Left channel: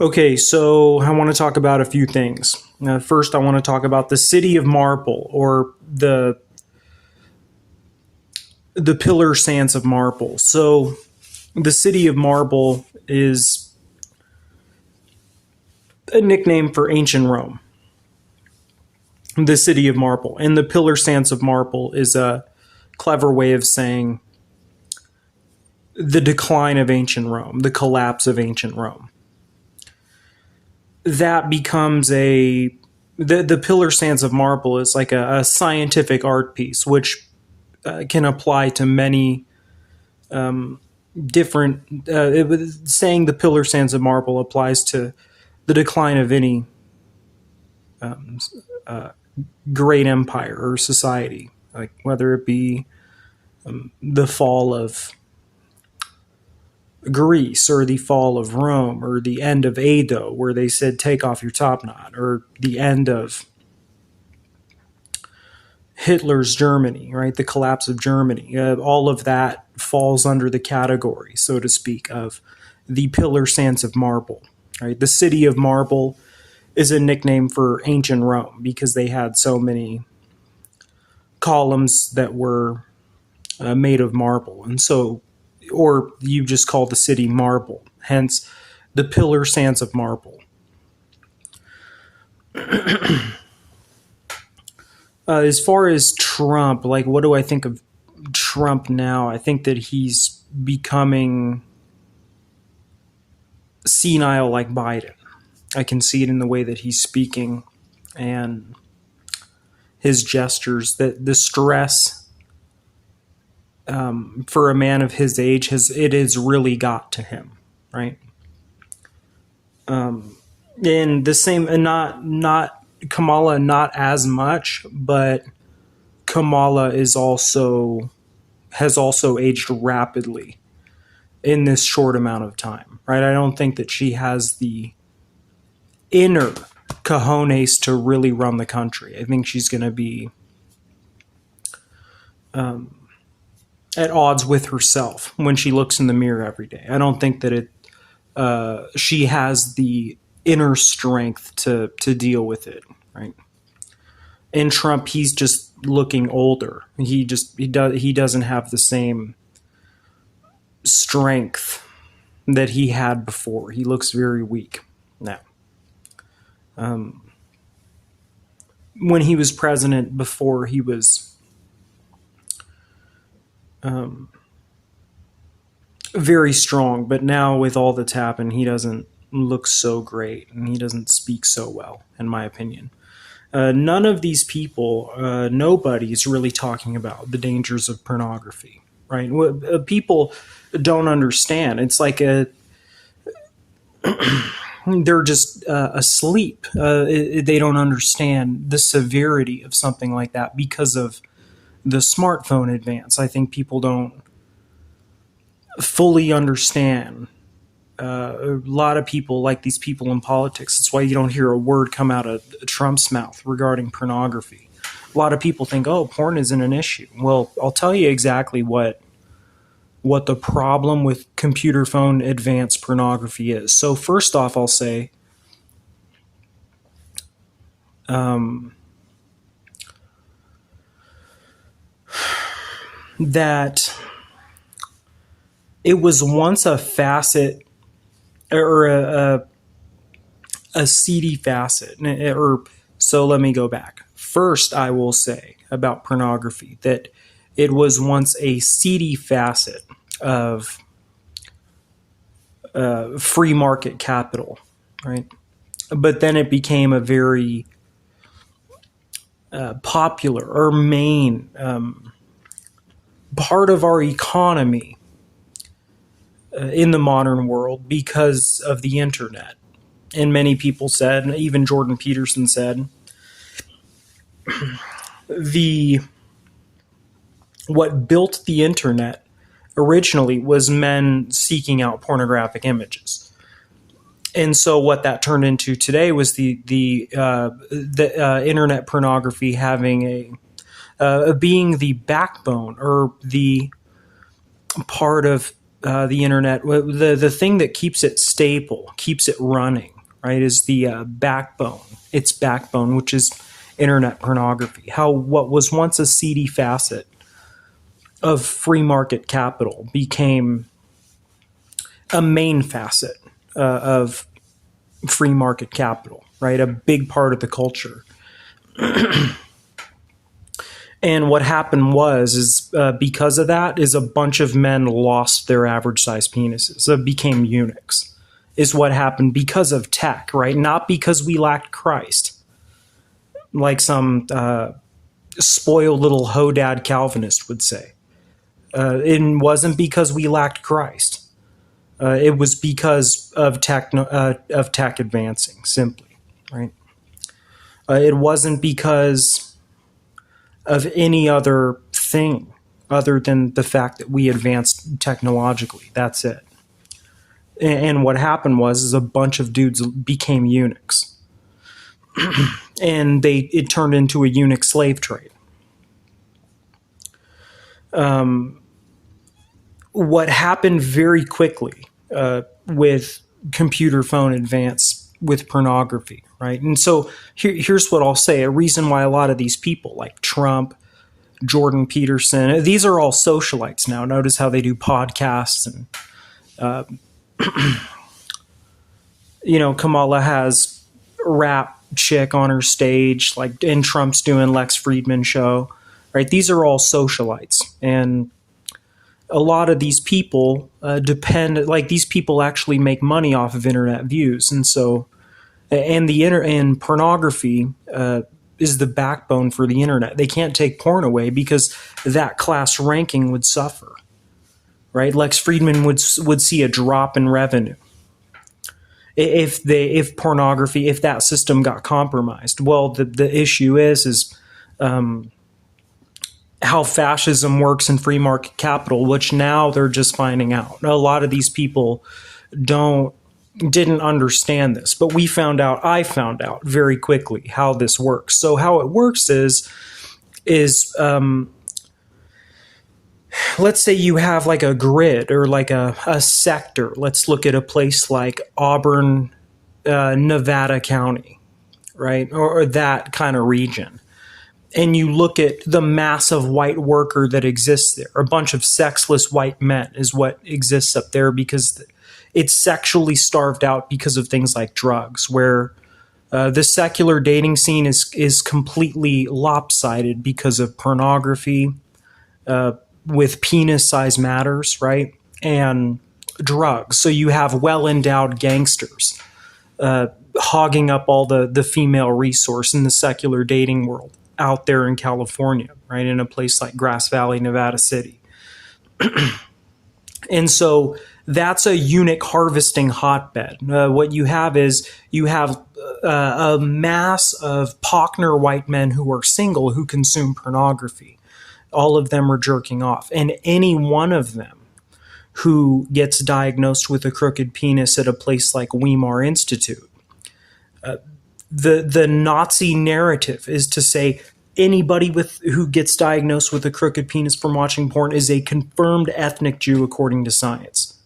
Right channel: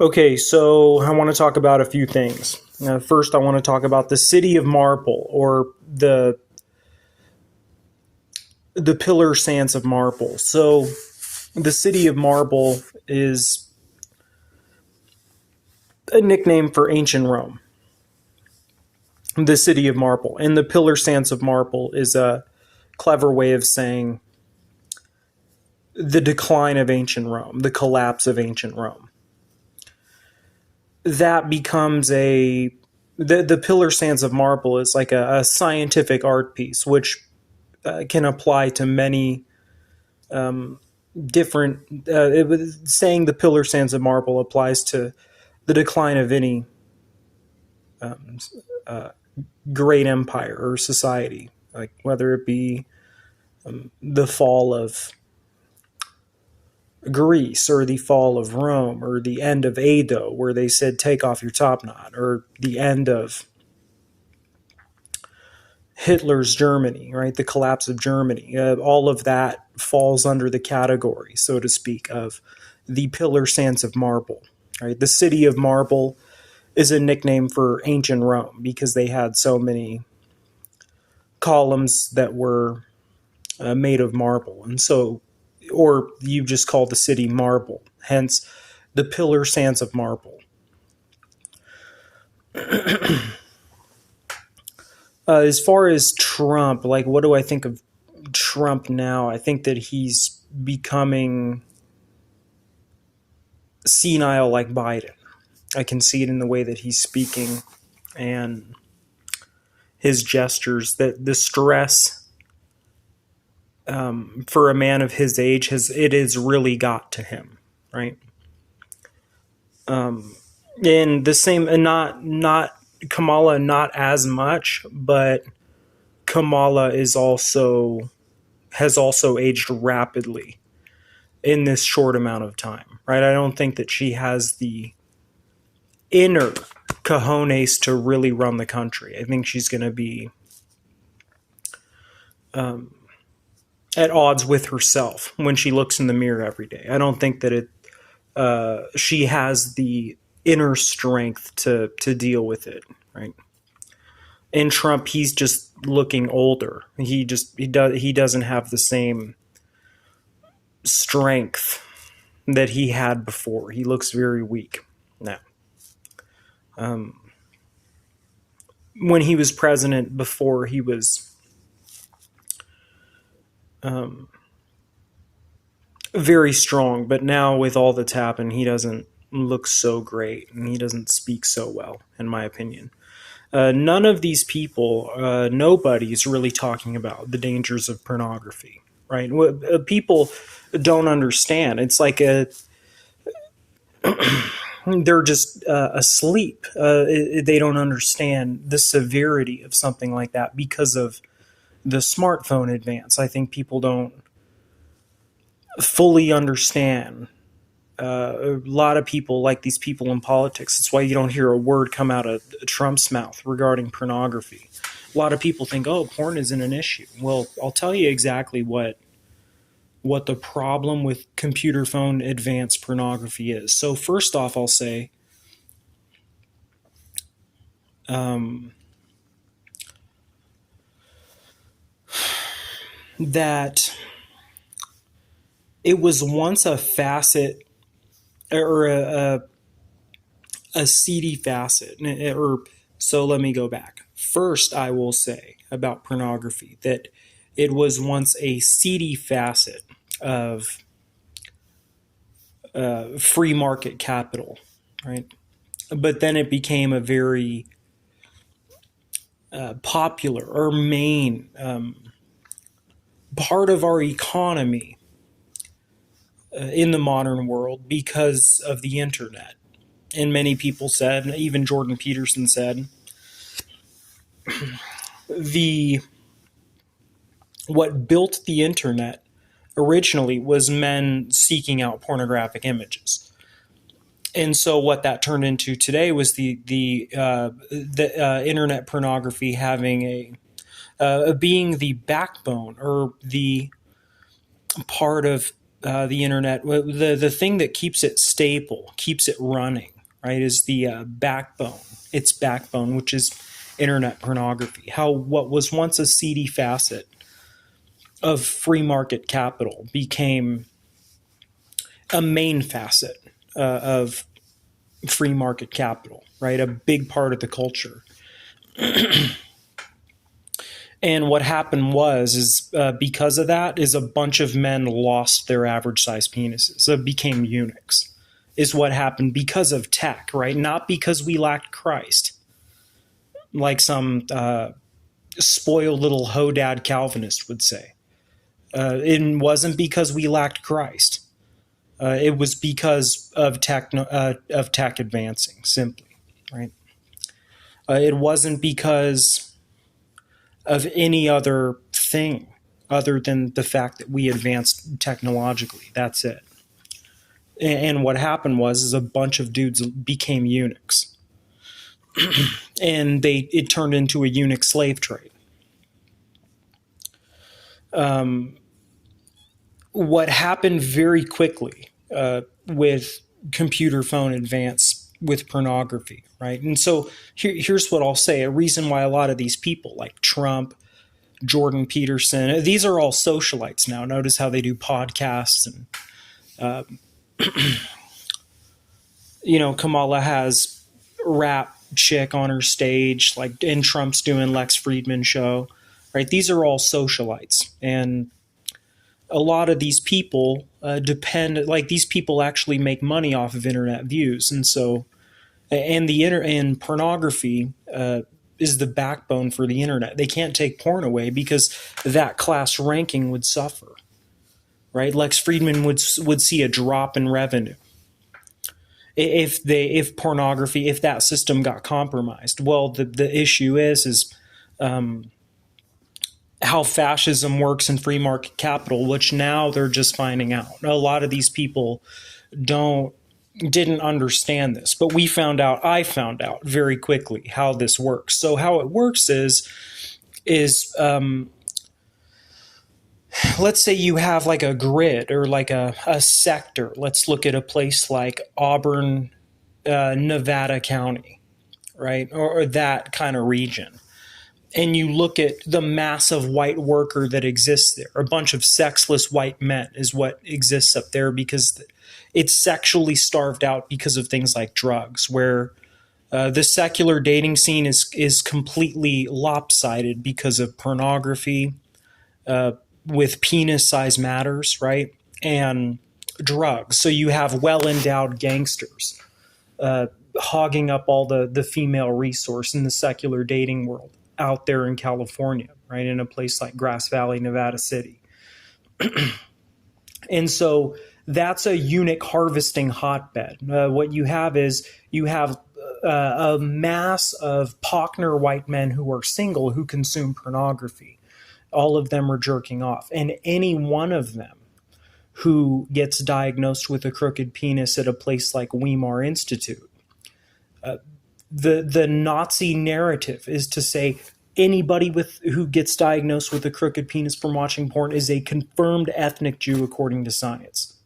Okay, so I want to talk about a few things. First, I want to talk about the city of marble, or the pillar sands of marble. So, the city of marble is a nickname for ancient Rome. The city of marble, and the pillar sands of marble is a clever way of saying the decline of ancient Rome, the collapse of ancient Rome. That becomes the pillar sands of marble is like a scientific art piece, which can apply to many different. Saying the pillar sands of marble applies to the decline of any great empire or society, like whether it be the fall of Greece or the fall of Rome or the end of Edo, where they said take off your top knot, or the end of Hitler's Germany, right? The collapse of Germany. All of that falls under the category, so to speak, of the pillar sands of marble, right? The city of marble is a nickname for ancient Rome because they had so many columns that were made of marble. And so, or you just call the city marble, hence the pillar sands of marble. As far as Trump, like, what do I think of Trump now? I think that he's becoming senile like Biden. I can see it in the way that he's speaking and his gestures, that the stress for a man of his age has really got to him, right? And the same, and not Kamala, not as much, but Kamala has also aged rapidly in this short amount of time, right? I don't think that she has the inner cojones to really run the country. I think she's going to be at odds with herself when she looks in the mirror every day. I don't think that she has the inner strength to deal with it, right? And Trump, he's just looking older. He doesn't have the same strength that he had before. He looks very weak now. When he was president before, he was very strong, but now with all that's happened, he doesn't look so great, and he doesn't speak so well, in my opinion. None of these people, nobody's really talking about the dangers of pornography, right? People don't understand. It's like they're just asleep. They don't understand the severity of something like that because of the smartphone advance. I think people don't fully understand. A lot of people, like these people in politics, that's why you don't hear a word come out of Trump's mouth regarding pornography. A lot of people think, oh, porn isn't an issue. Well, I'll tell you exactly what the problem with computer phone advanced pornography is. So first off, I'll say that it was once a facet or a seedy facet. So let me go back. First, I will say about pornography that it was once a seedy facet of free market capital, right? But then it became a very popular or main part of our economy in the modern world because of the internet. And many people said, and even Jordan Peterson said, what built the internet originally was men seeking out pornographic images. And so what that turned into today was the internet pornography having being the backbone or the part of the internet, the thing that keeps it stable, keeps it running, right, is the backbone. Its backbone, which is internet pornography. How what was once a seedy facet of free market capital became a main facet of free market capital, right? A big part of the culture. And what happened is because of that, is a bunch of men lost their average size penises. So it became eunuchs, is what happened because of tech, right? Not because we lacked Christ, like some spoiled little hodad Calvinist would say. It wasn't because we lacked Christ. It was because of tech advancing, simply, right? It wasn't because of any other thing other than the fact that we advanced technologically. That's it. And what happened is a bunch of dudes became eunuchs, and it turned into a eunuch slave trade. What happened very quickly with computer phone advance with pornography, right? And so here's what I'll say. A reason why a lot of these people like Trump, Jordan Peterson, these are all socialites now. Notice how they do podcasts, and Kamala has rap chick on her stage, like, and Trump's doing Lex Friedman show, right? These are all socialites, and a lot of these people these people actually make money off of internet views, and so, and pornography is the backbone for the internet. They can't take porn away because that class ranking would suffer, right? Lex Friedman would see a drop in revenue if pornography, if that system got compromised. Well, the issue is how fascism works in free market capital, which now they're just finding out. A lot of these people didn't understand this, but I found out very quickly how this works. So how it works is let's say you have like a grid or like a sector. Let's look at a place like Auburn, Nevada County, right? Or that kind of region. And you look at the massive white worker that exists there. A bunch of sexless white men is what exists up there because it's sexually starved out because of things like drugs, where the secular dating scene is completely lopsided because of pornography, with penis size matters, right? And drugs. So you have well-endowed gangsters hogging up all the female resource in the secular dating world out there in California, right? In a place like Grass Valley, Nevada City. And so that's a eunuch harvesting hotbed. What you have is a mass of Pochner white men who are single who consume pornography. All of them are jerking off. And any one of them who gets diagnosed with a crooked penis at a place like Weimar Institute, the Nazi narrative is to say anybody who gets diagnosed with a crooked penis from watching porn is a confirmed ethnic Jew according to science.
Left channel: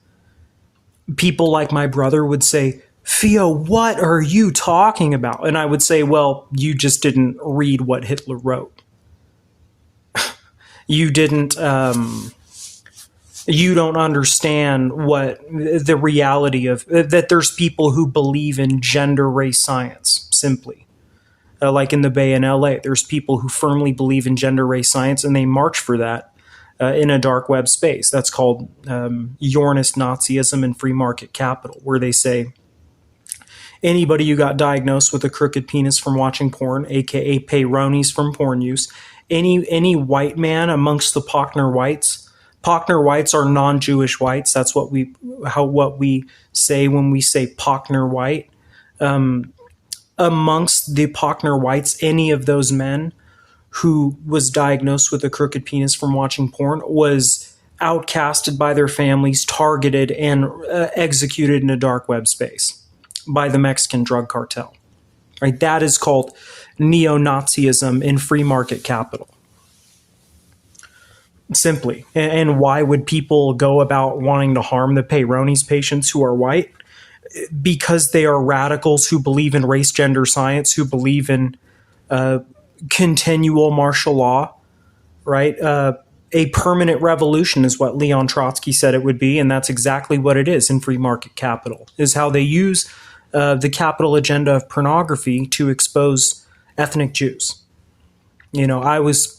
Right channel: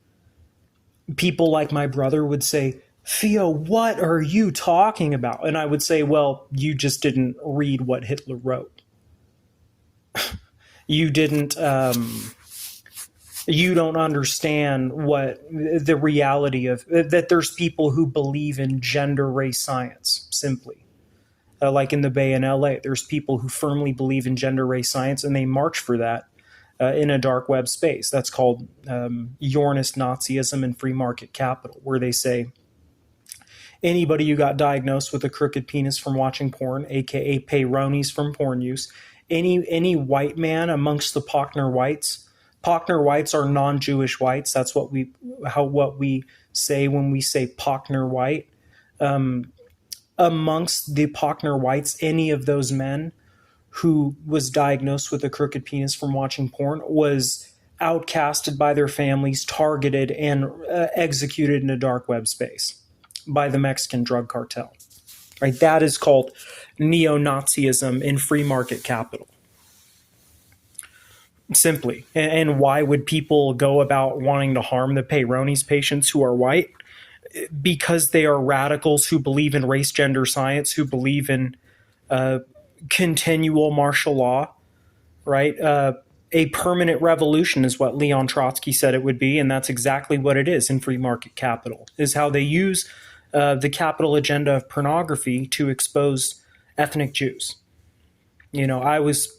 People like my brother would say, Theo, what are you talking about? And I would say, well, you just didn't read what Hitler wrote. You didn't, you don't understand what the reality of, that there's people who believe in gender race science, simply. Like in the Bay in LA, there's people who firmly believe in gender race science and they march for that in a dark web space. That's called Yornist Nazism and free market capital, where they say anybody who got diagnosed with a crooked penis from watching porn, aka peyronie's from porn use, any white man amongst the Pochner whites. Pochner whites are non-Jewish whites. That's what we say when we say Pochner white. Amongst the Pochner whites, any of those men who was diagnosed with a crooked penis from watching porn was outcasted by their families, targeted, and executed in a dark web space by the Mexican drug cartel. Right? That is called neo-Nazism in free market capital. simply. And why would people go about wanting to harm the Peyronie's patients who are white? Because they are radicals who believe in race, gender, science, who believe in continual martial law, right? A permanent revolution is what Leon Trotsky said it would be, and that's exactly what it is in free market capital, is how they use the capital agenda of pornography to expose ethnic Jews. I was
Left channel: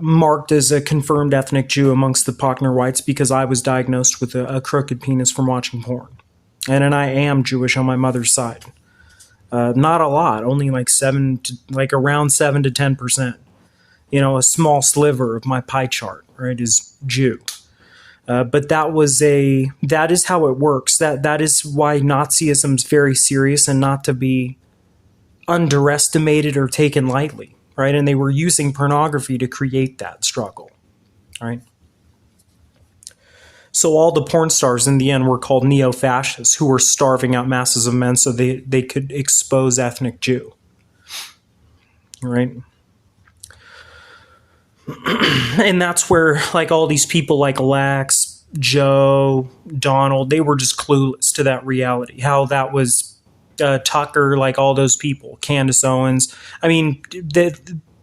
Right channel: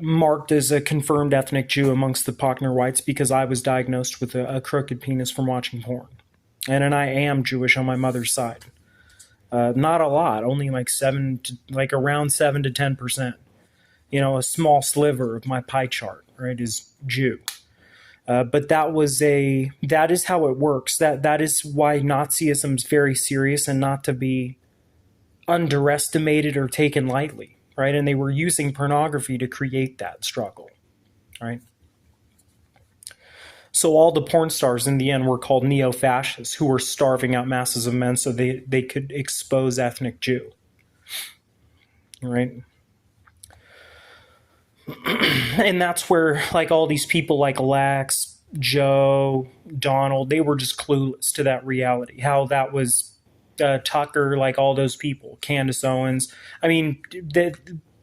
marked as a confirmed ethnic Jew amongst the Pochner whites because I was diagnosed with a crooked penis from watching porn. And I am Jewish on my mother's side. Not a lot, only like around 7 to 10%. A small sliver of my pie chart, right, is Jew. But that is how it works. That is why Nazism is very serious and not to be underestimated or taken lightly, right? And they were using pornography to create that struggle, right? So all the porn stars in the end were called neo-fascists who were starving out masses of men so they could expose ethnic Jew, right? And that's where like all these people like Lex, Joe, Donald, they were just clueless to that reality, how that was Tucker, like all those people, Candace Owens. I mean,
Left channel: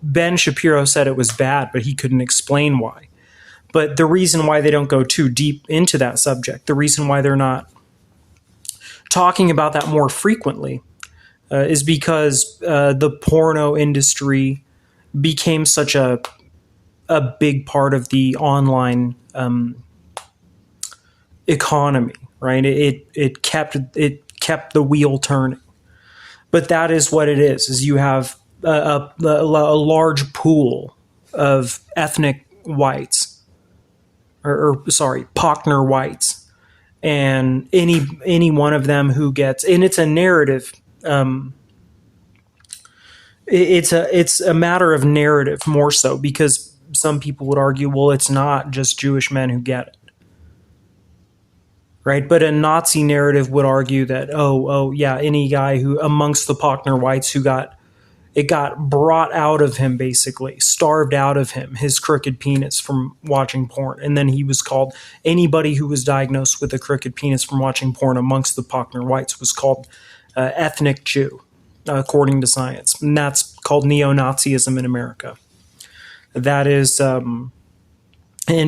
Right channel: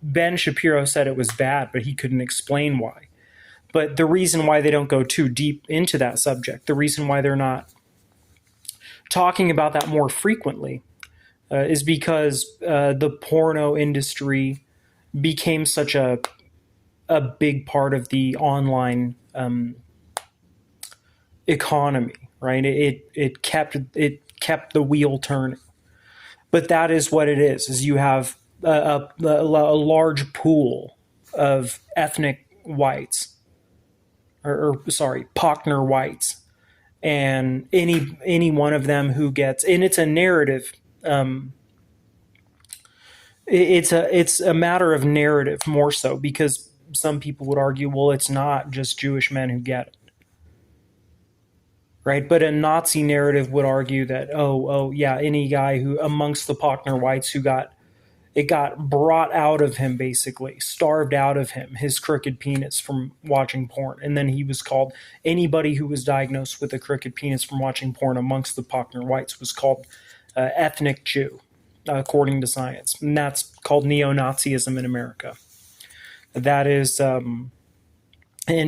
Ben Shapiro said it was bad, but he couldn't explain why. But the reason why they don't go too deep into that subject, the reason why they're not talking about that more frequently is because the porno industry became such a big part of the online economy, right? It kept the wheel turning. But that is what it is you have a large pool of ethnic whites, or sorry, Pochner whites, and any one of them who gets, and it's a narrative. It's a matter of narrative more so, because some people would argue, well, it's not just Jewish men who get it, right? But a Nazi narrative would argue that, oh yeah, any guy who amongst the Pochner whites who got brought out of him, basically starved out of him, his crooked penis from watching porn, and then he was called, anybody who was diagnosed with a crooked penis from watching porn amongst the Pochner whites was called ethnic Jew, according to science, and that's called neo-Nazism in America. That is, and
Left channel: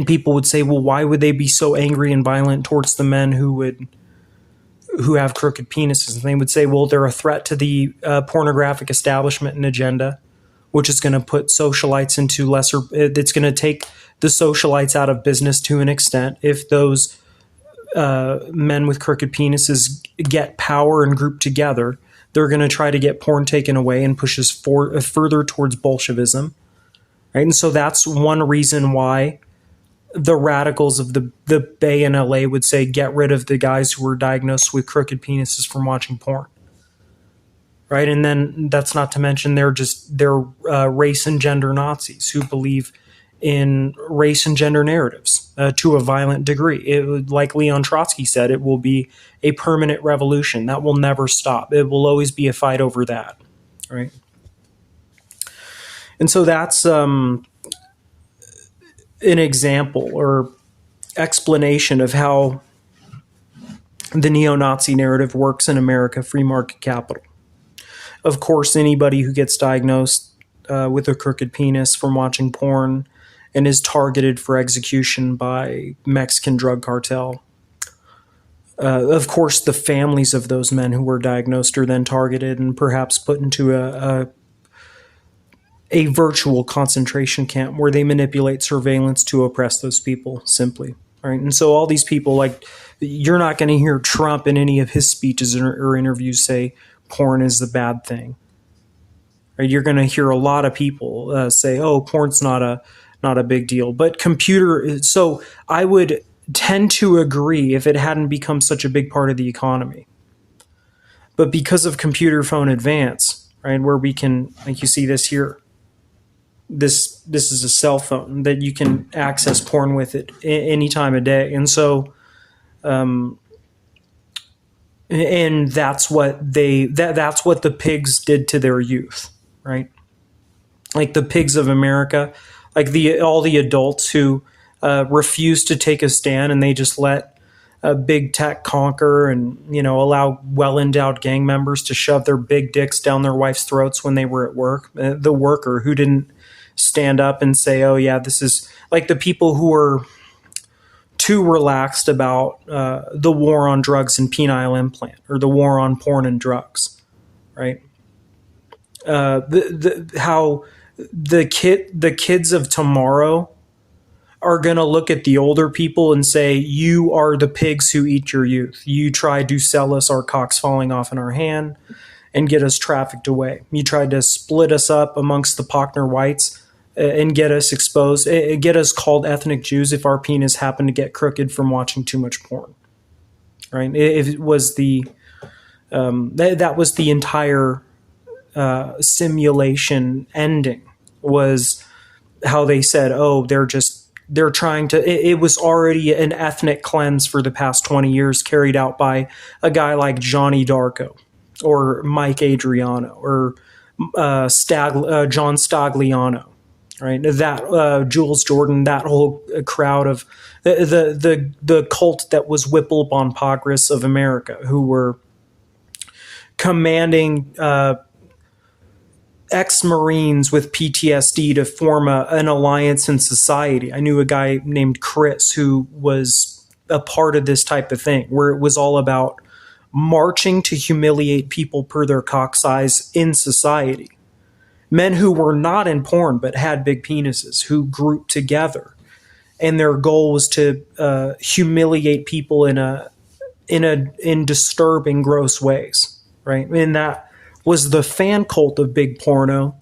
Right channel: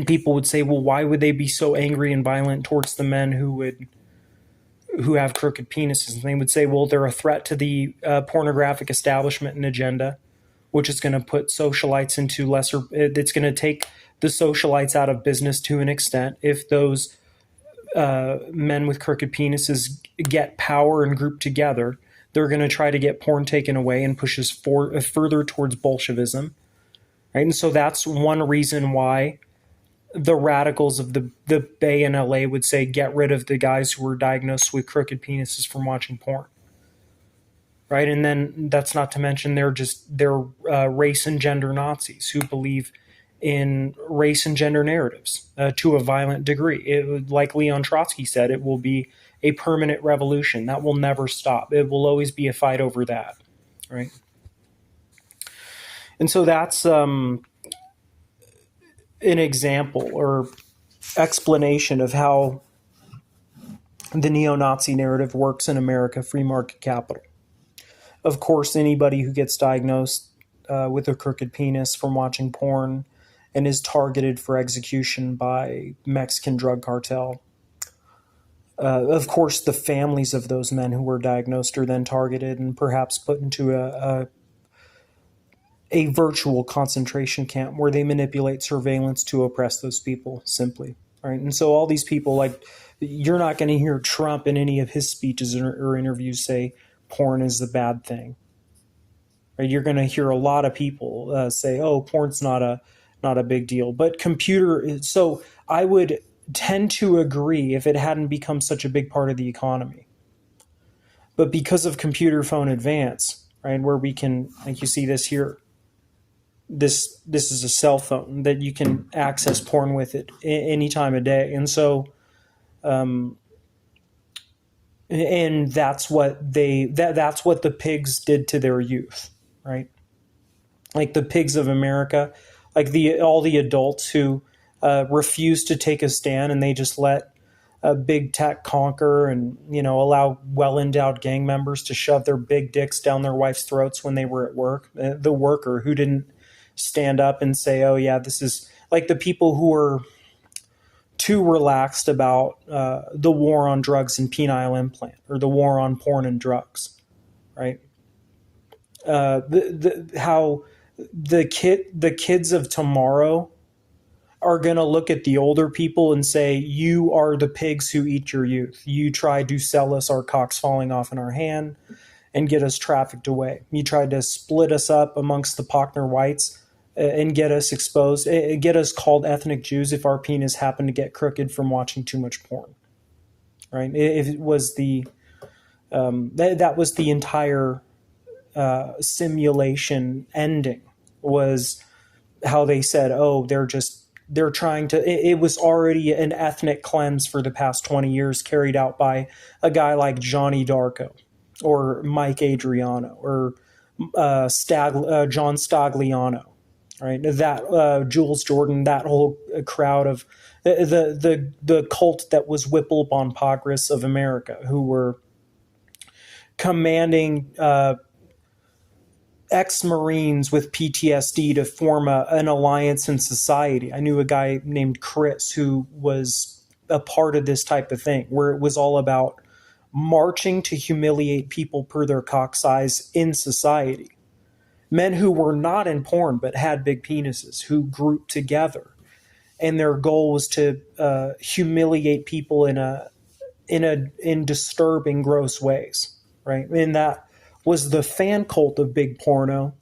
people would say, well, why would they be so angry and violent towards the men who have crooked penises? And they would say, well, they're a threat to the pornographic establishment and agenda, which is going to put socialites into lesser, it's going to take the socialites out of business to an extent. If those men with crooked penises get power and group together, they're going to try to get porn taken away and push us further towards Bolshevism. Right? And so that's one reason why the radicals of the Bay in LA would say, get rid of the guys who were diagnosed with crooked penises from watching porn. Right? And then that's not to mention they're race and gender Nazis who believe in race and gender narratives to a violent degree. Like Leon Trotsky said, it will be a permanent revolution that will never stop. It will always be a fight over that. Right? And so that's an example or explanation of how the neo-Nazi narrative works in America, free market capital. Of course, anybody who gets diagnosed with a crooked penis from watching porn and is targeted for execution by Mexican drug cartel. Of course, the families of those men who were diagnosed are then targeted and perhaps put into a virtual concentration camp where they manipulate surveillance to oppress those people, simply. Right? And so all these people, like, you're not going to hear Trump in any of his speeches or interviews say porn is the bad thing. Right? You're going to hear a lot of people say, oh, porn's not a big deal. But so I would tend to agree if it hadn't become such a big part of the economy. But because of computer phone advance, right, where we can, like you see this here, this is a cell phone that you can access porn with it any time of day. And so, and that's what that's what the pigs did to their youth, right? like the pigs of America, like the all the adults who refuse to take a stand, and they just let big tech conquer, and allow well endowed gang members to shove their big dicks down their wife's throats when they were at work. The worker who didn't stand up and say, "Oh yeah, this is," like the people who are too relaxed about the war on drugs and penile implant, or the war on porn and drugs, right? How the kids of tomorrow are going to look at the older people and say, "You are the pigs who eat your youth. You tried to sell us our cocks falling off in our hand and get us trafficked away. You tried to split us up amongst the Pochner whites and get us exposed, get us called ethnic Jews if our penis happened to get crooked from watching too much porn." Right? It was that was the entire simulation ending, was how they said, "Oh, they're trying to," it was already an ethnic cleanse for the past 20 years carried out by a guy like Johnny Darko or Mike Adriano or John Stagliano, right? That Jules Jordan, that whole crowd of the cult that was Whipple Bon Pogris of America, who were commanding ex-Marines with PTSD to form an alliance in society. I knew a guy named Chris who was a part of this type of thing, where it was all about marching to humiliate people per their cock size in society. Men who were not in porn but had big penises, who grouped together, and their goal was to humiliate people in disturbing, gross ways, right? And that was the fan cult of big porno.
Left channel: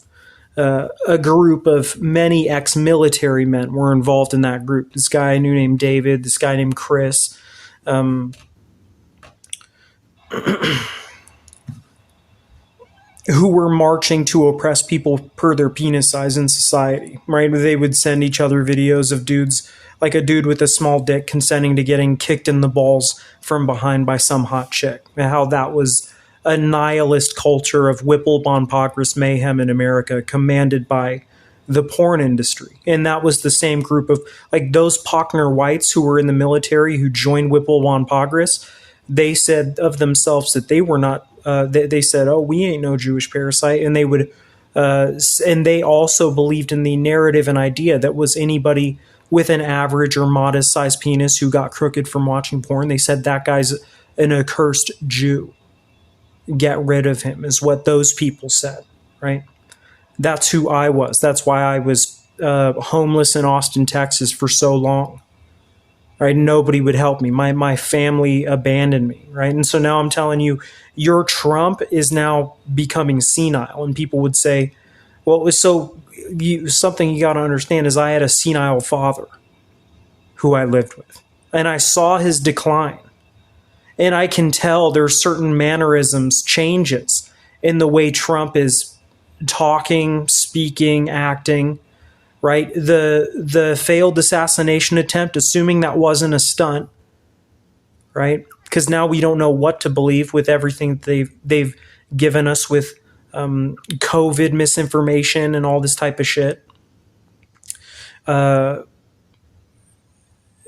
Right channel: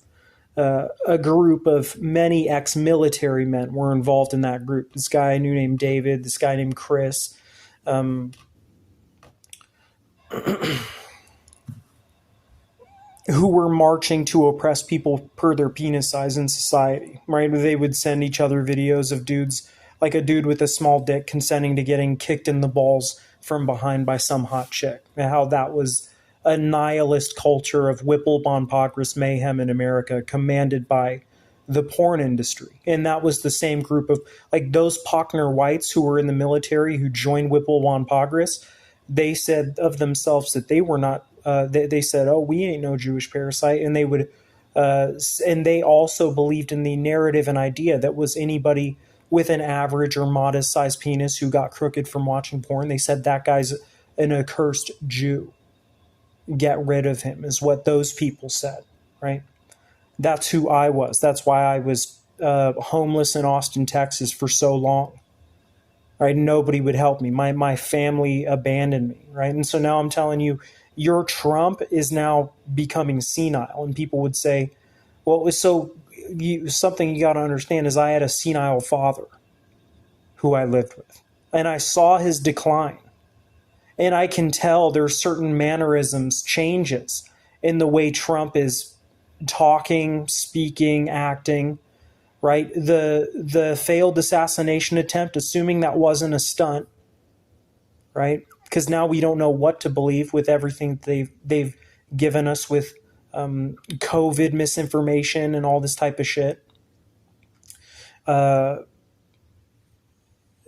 A group of many ex-military men were involved in that group. This guy I knew named David, this guy named Chris, who were marching to oppress people per their penis size in society, right? They would send each other videos of dudes, like a dude with a small dick consenting to getting kicked in the balls from behind by some hot chick, and how that was a nihilist culture of Whipple Bon Pogris mayhem in America, commanded by the porn industry. And that was the same group of, like, those Pochner whites who were in the military who joined Whipple Bon Pogris. They said of themselves that they were not, they said, "Oh, we ain't no Jewish parasite." And they would, and they also believed in the narrative and idea that was anybody with an average or modest sized penis who got crooked from watching porn. They said that guy's an accursed Jew. Get rid of him, is what those people said, right? That's who I was. That's why I was homeless in Austin, Texas for so long, right? Nobody would help me. My family abandoned me, right? And so now I'm telling you, your Trump is now becoming senile. And people would say, well, it was something you got to understand is I had a senile father who I lived with, and I saw his decline. And I can tell there's certain mannerisms, changes in the way Trump is talking, speaking, acting, right? The failed assassination attempt, assuming that wasn't a stunt, right? Because now we don't know what to believe with everything they've given us with COVID misinformation and all this type of shit.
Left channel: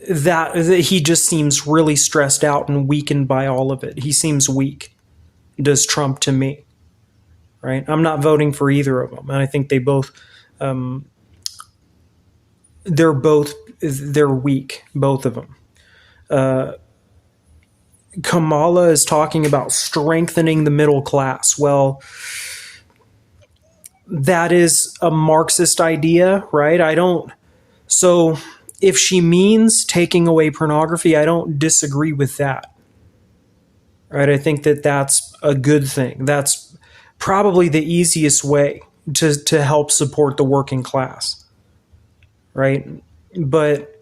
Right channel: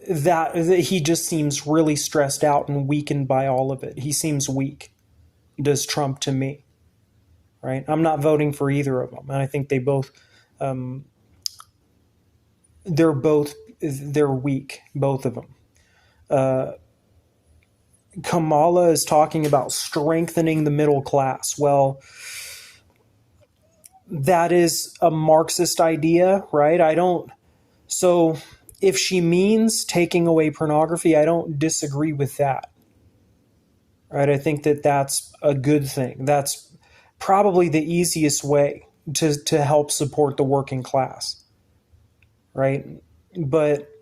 That he just seems really stressed out and weakened by all of it. He seems weak, does Trump to me, right? I'm not voting for either of them. And I think they both, they're weak, both of them. Kamala is talking about strengthening the middle class. Well, that is a Marxist idea, right? So if she means taking away pornography, I don't disagree with that, right? I think that that's a good thing. That's probably the easiest way to help support the working class, right? But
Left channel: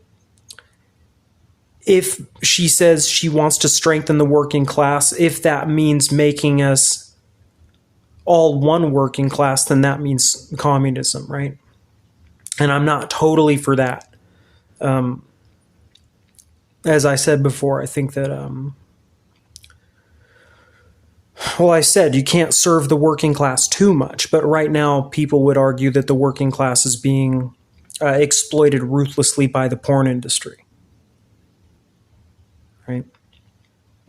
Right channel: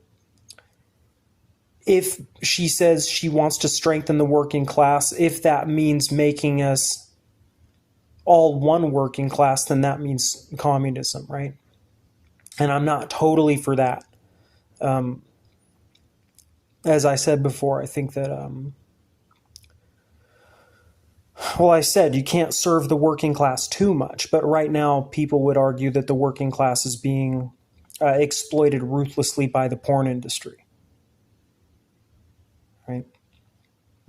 if she says she wants to strengthen the working class, if that means making us all one working class, then that means communism, right? And I'm not totally for that. As I said before, I think that Well, I said you can't serve the working class too much, but right now people would argue that the working class is being exploited ruthlessly by the porn industry. Right?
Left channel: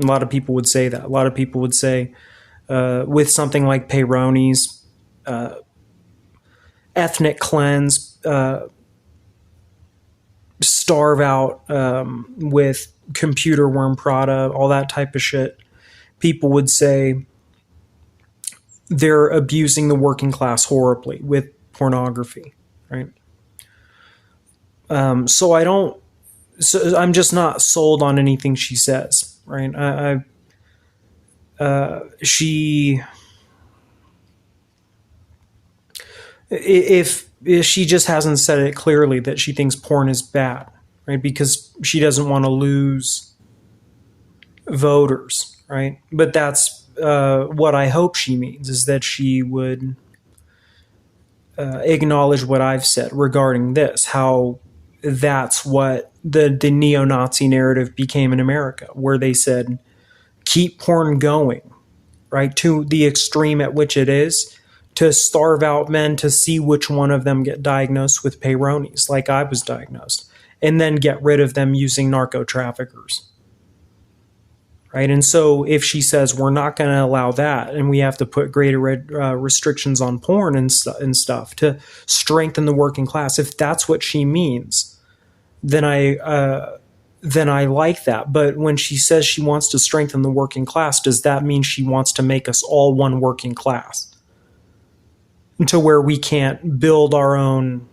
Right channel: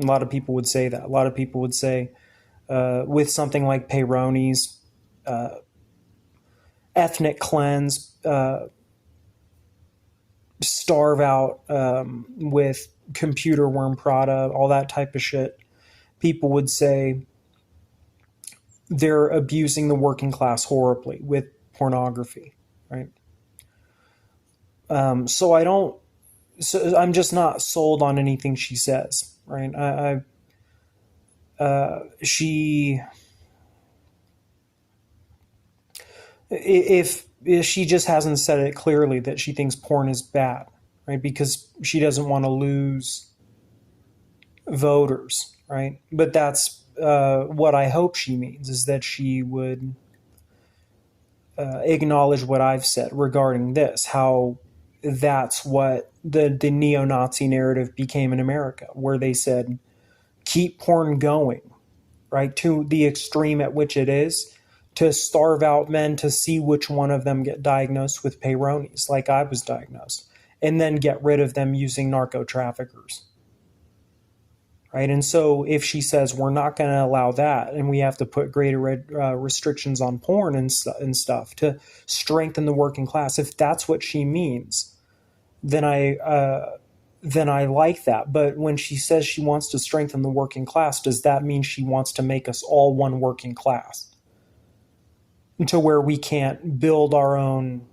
A lot of people would say that. A lot of people would say with something like Peyronie's ethnic cleanse, starve out with computer worm Prada, all that type of shit. People would say they're abusing the working class horribly with pornography, right? So I don't. So I'm just not sold on anything she says, right? She, if she just hasn't said it clearly that she thinks porn is bad, right? Because she doesn't want to lose voters, right? But that's what I hope she means, is that she would acknowledge what I've said regarding this, how that's what the neo-Nazi narrative became in America, where they said, keep porn going, right, to the extreme at which it is, to starve out men, to see which one of them get diagnosed with Peyronie's, like I was diagnosed, and then get rid of them using narco traffickers. Right? And so if she says we're not going to allow that, and we have to put greater restrictions on porn and stuff to strengthen the working class, if that's what she means, then I like that. But when she says she wants to strengthen the working class, does that mean she wants to make us all one working class, to where we can't build our own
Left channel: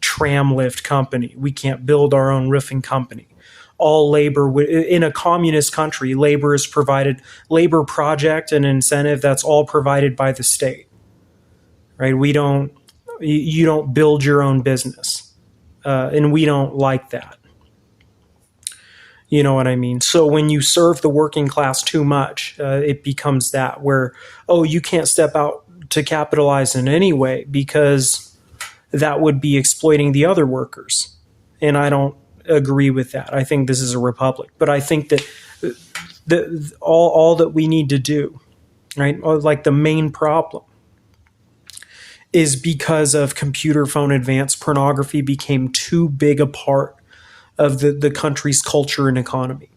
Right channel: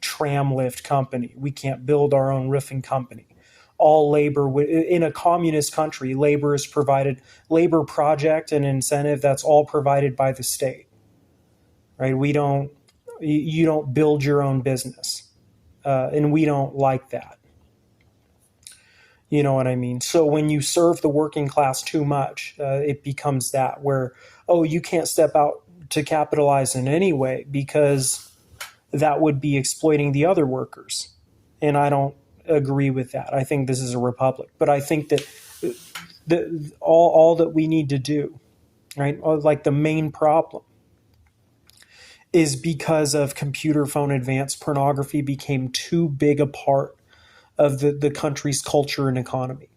tram lift company, we can't build our own roofing company? All labor in a communist country, labor is provided, labor project and incentive, that's all provided by the state, right? You don't build your own business, and we don't like that. You know what I mean? So when you serve the working class too much, it becomes that where, oh, you can't step out to capitalize in any way because that would be exploiting the other workers. And I don't agree with that. I think this is a republic, but I think that all that we need to do, right, or like the main problem, is because of computer phone advanced pornography became too big a part of the country's culture and economy,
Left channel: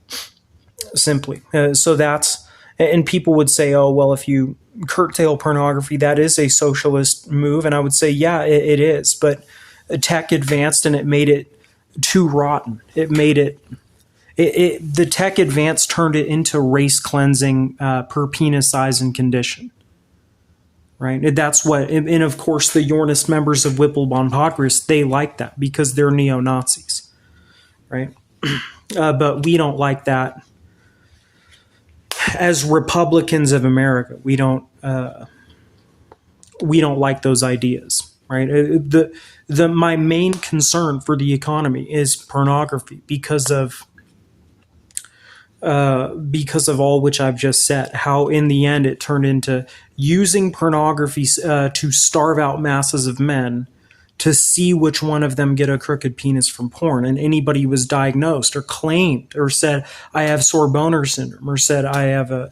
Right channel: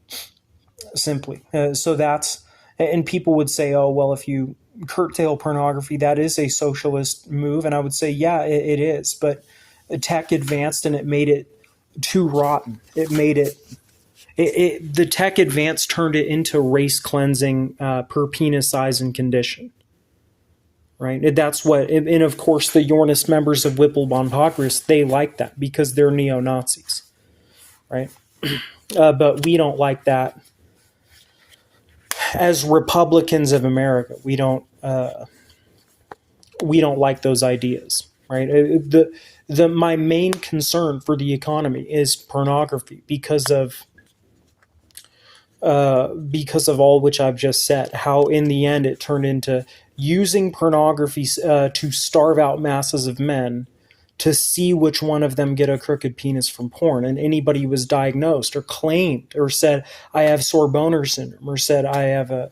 simply. So that's, and people would say, oh, well, if you curtail pornography, that is a socialist move. And I would say, yeah, it is, but tech advanced and it made it too rotten. It made it, the tech advance turned it into race cleansing per penis size and condition, right? That's what, and of course the Yornist members of Whipplebond Congress, they like that because they're neo-Nazis, right? But we don't like that as Republicans of America. We don't like those ideas, right? My main concern for the economy is pornography because of all which I've just said. How in the end it turned into using pornography to starve out masses of men, to see which one of them get a crooked penis from porn. And anybody who was diagnosed or claimed or said, I have sore boner syndrome, or said I have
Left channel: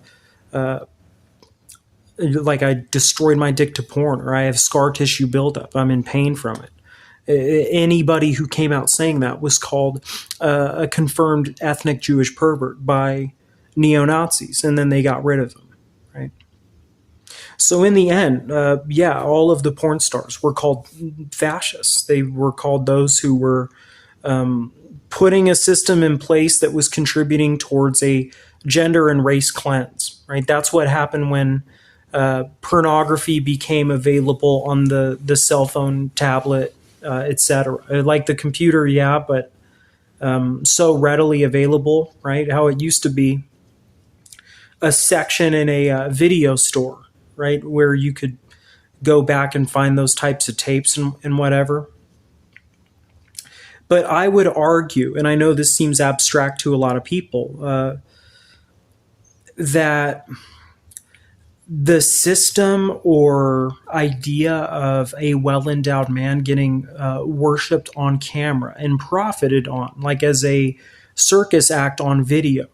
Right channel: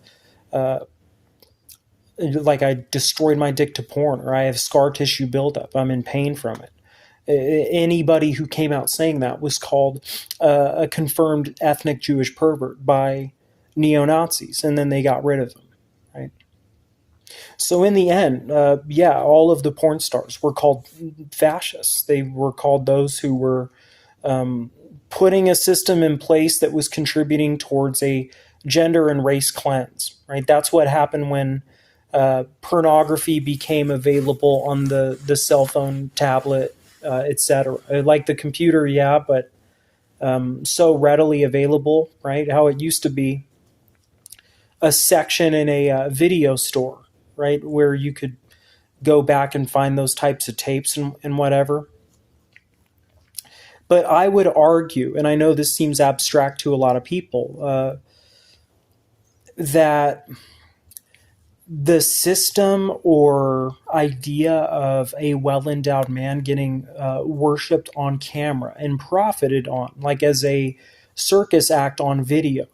like I destroyed my dick to porn, or I have scar tissue buildup, I'm in pain from it. Anybody who came out saying that was called a confirmed ethnic Jewish pervert by neo-Nazis, and then they got rid of them, right? So in the end, all of the porn stars were called fascists. They were called those who were putting a system in place that was contributing towards a gender and race cleanse, right? That's what happened when pornography became available on the cell phone, tablet, etc. Like the computer, yeah, but so readily available, right? How it used to be a section in a video store, right, where you could go back and find those types of tapes and whatever. But I would argue, and I know this seems abstract to a lot of people, that the system or idea of a well-endowed man getting worshipped on camera and profited on, like as a circus act on video,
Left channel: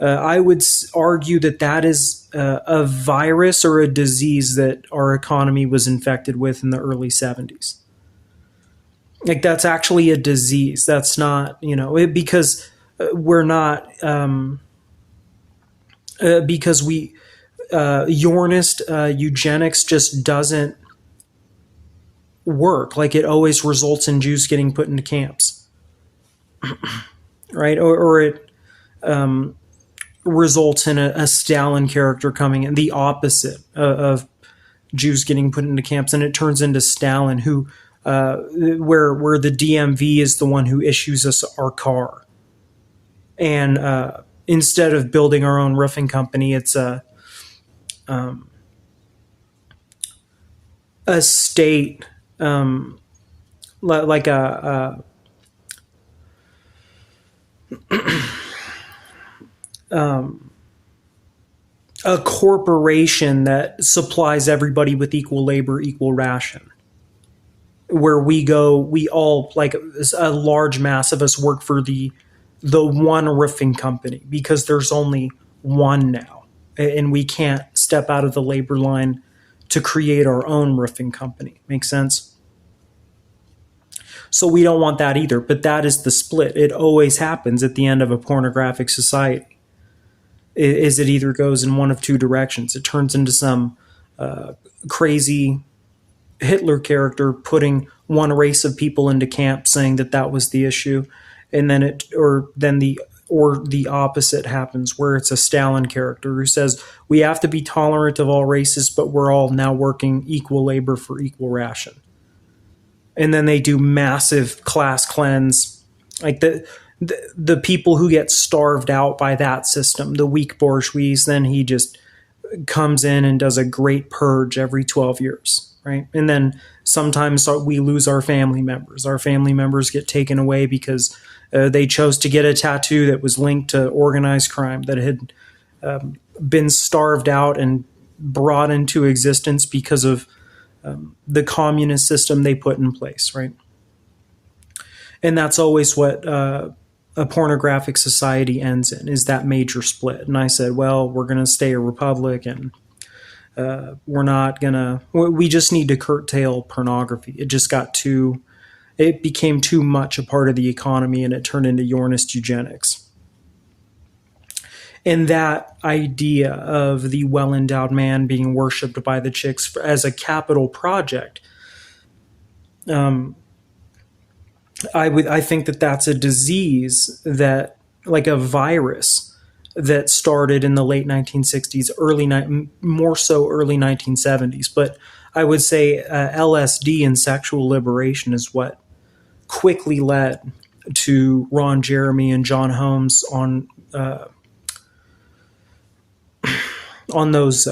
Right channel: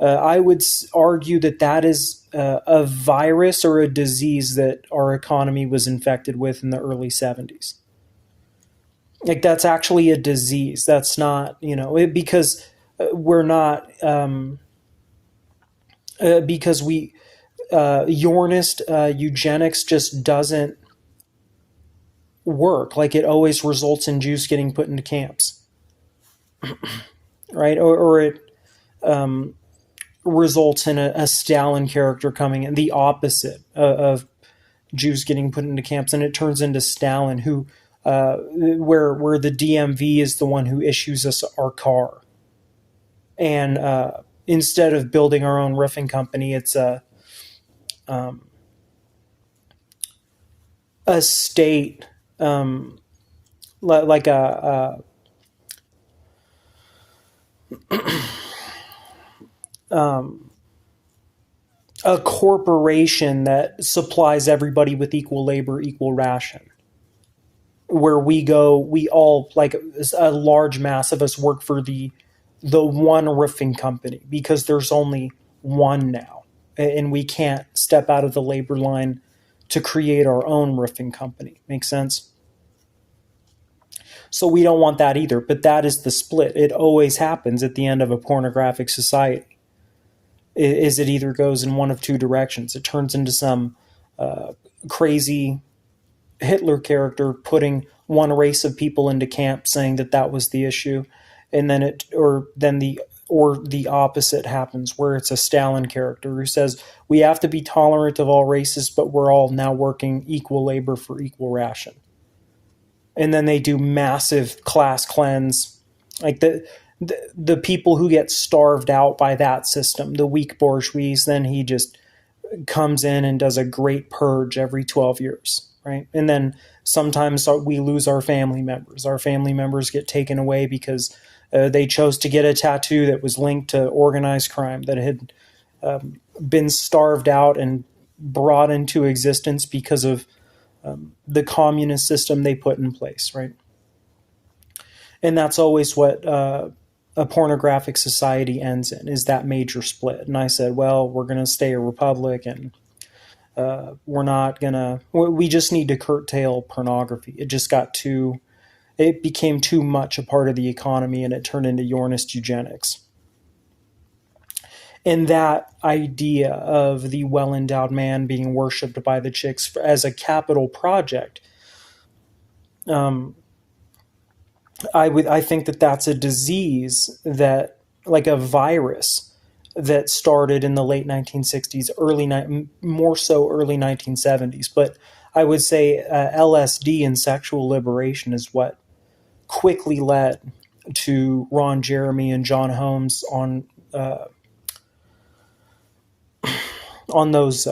I would argue that that is a virus or a disease that our economy was infected with in the early 70s. Like that's actually a disease. That's not, because we're not, because we, Yornist eugenics just doesn't work. Like it always results in Jews getting put into camps, right? Or it results in a Stalin character coming in, the opposite of Jews getting put into camps, and it turns into Stalin, who where the DMV is the one who issues us our car, and instead of building our own roofing company, it's a state, like a corporation that supplies everybody with equal labor, equal ration. Where we all, like a large mass of us, work for the one roofing company because there's only one now, and we can't step out of the labor line to create our own roofing company. Make sense? So we don't want that either, but that is the split. It always happens at the end of a pornographic society. Is it either goes in one of two directions. It turns into some crazy Hitler character putting one race of people into camp, saying that that was the issue, and then the opposite happens, where it's a Stalin character who says we have to be tolerant of all races, but we're all now working equal labor for equal ration. And then they do massive class cleanse, like the people who get starved out by that system, the weak bourgeois. Then he just comes in and does a great purge every 12 years, right? And then sometimes we lose our family members. Our family members get taken away because they chose to get a tattoo that was linked to organized crime, that had been starved out and brought into existence because of the communist system they put in place, right? And that's always what a pornographic society ends in, is that major split. And I said, well, we're going to stay a republic, and we just need to curtail pornography. It became too much a part of the economy, and it turned into Yornist eugenics. And that idea of the well-endowed man being worshipped by the chicks as a capital project, I think that that's a disease, that, like a virus that started in the late 1960s, more so early 1970s. But I would say LSD and sexual liberation is what quickly led to Ron Jeremy and John Holmes on those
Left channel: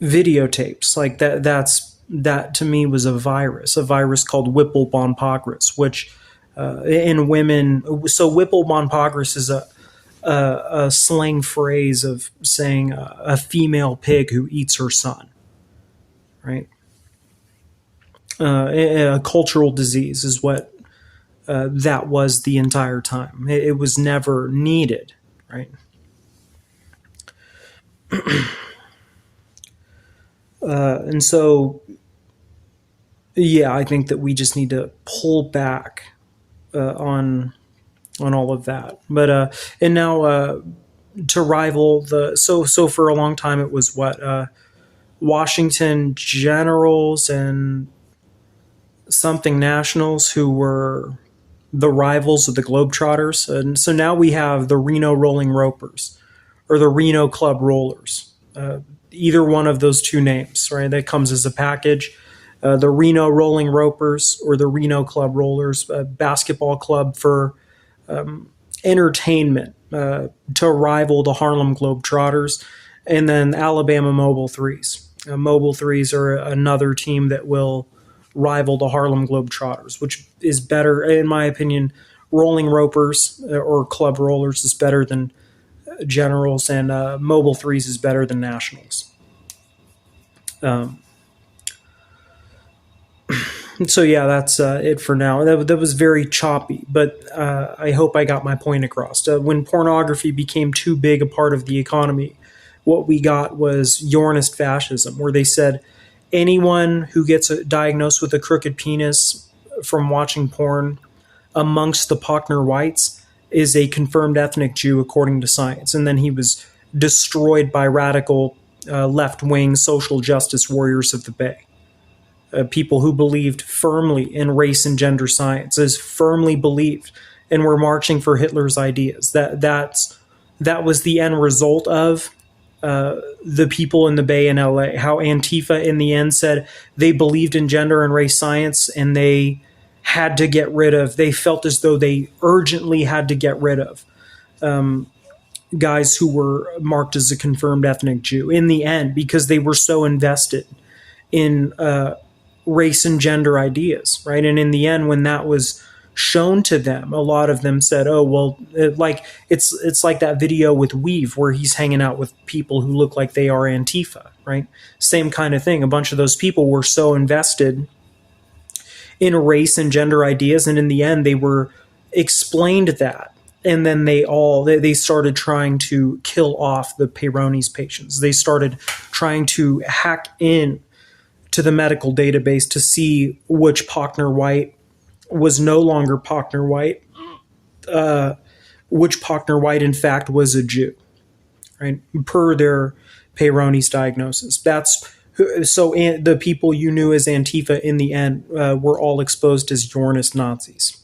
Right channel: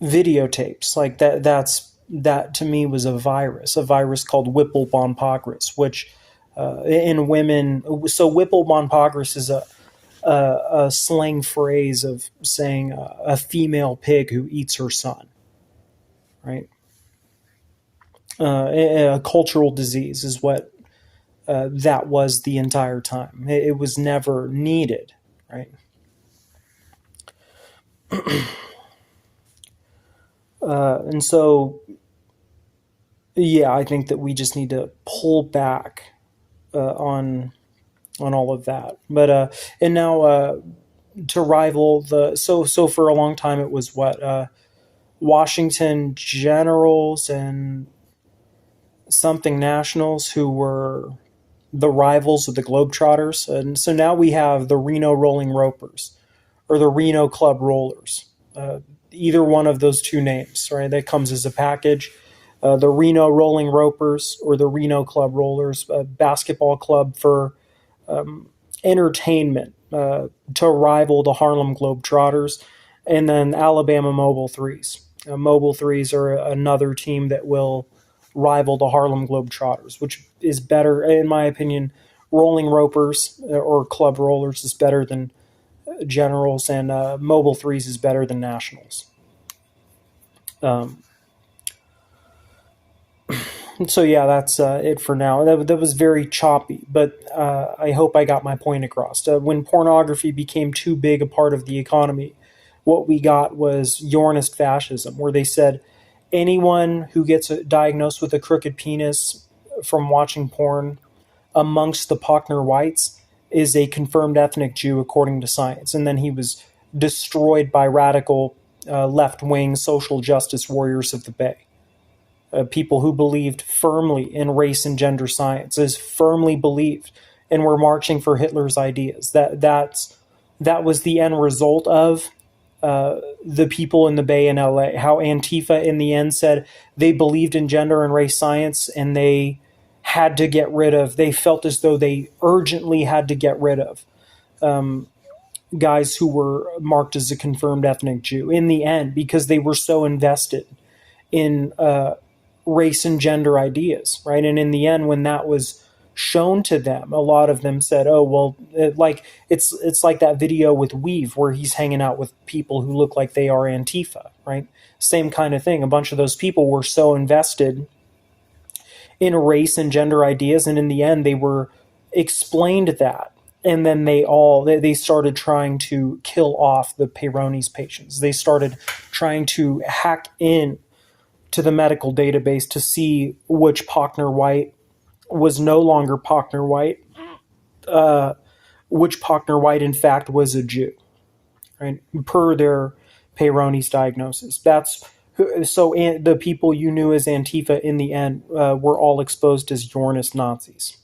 videotapes. Like that to me was a virus called Whipple Bon Pogris, which in women. So Whipple Bon Pogris is a slang phrase of saying a female pig who eats her son, right? A cultural disease is what that was the entire time. It was never needed, right? And so, yeah, I think that we just need to pull back on all of that. But and now to rival so for a long time it was what Washington Generals and something Nationals who were the rivals of the Globetrotters, and so now we have the Reno Rolling Ropers or the Reno Club Rollers. Either one of those two names, right? That comes as a package. The Reno Rolling Ropers or the Reno Club Rollers, a basketball club for entertainment to rival the Harlem Globetrotters, and then Alabama Mobile Threes. Mobile Threes are another team that will rival the Harlem Globetrotters, which is better, in my opinion. Rolling Ropers or Club Rollers is better than Generals, and Mobile Threes is better than Nationals. So yeah, that's it for now. That was very choppy, but I hope I got my point across. When pornography became too big a part of the economy, what we got was Yornist fascism, where they said anyone who gets diagnosed with a crooked penis from watching porn amongst the Pochner whites is a confirmed ethnic Jew according to science. And then he was destroyed by radical left wing social justice warriors of the Bay. People who believed firmly in race and gender science, as firmly believed, and were marching for Hitler's ideas. That was the end result of the people in the Bay in LA. How Antifa in the end said they believed in gender and race science, and they had to get rid of. They felt as though they urgently had to get rid of guys who were marked as a confirmed ethnic Jew in the end because they were so invested in race and gender ideas, right? And in the end, when that was shown to them, a lot of them said, "Oh, well, like it's like that video with Weave where he's hanging out with people who look like they are Antifa, right? Same kind of thing. A bunch of those people were so invested in race and gender ideas, and in the end, they were explained that." And then they started trying to kill off the Peyronie's patients. They started trying to hack in to the medical database to see which Pochner white was no longer Pochner white, which Pochner white in fact was a Jew, right? Per their Peyronie's diagnosis. That's so the people you knew as Antifa in the end were all exposed as Yornist Nazis.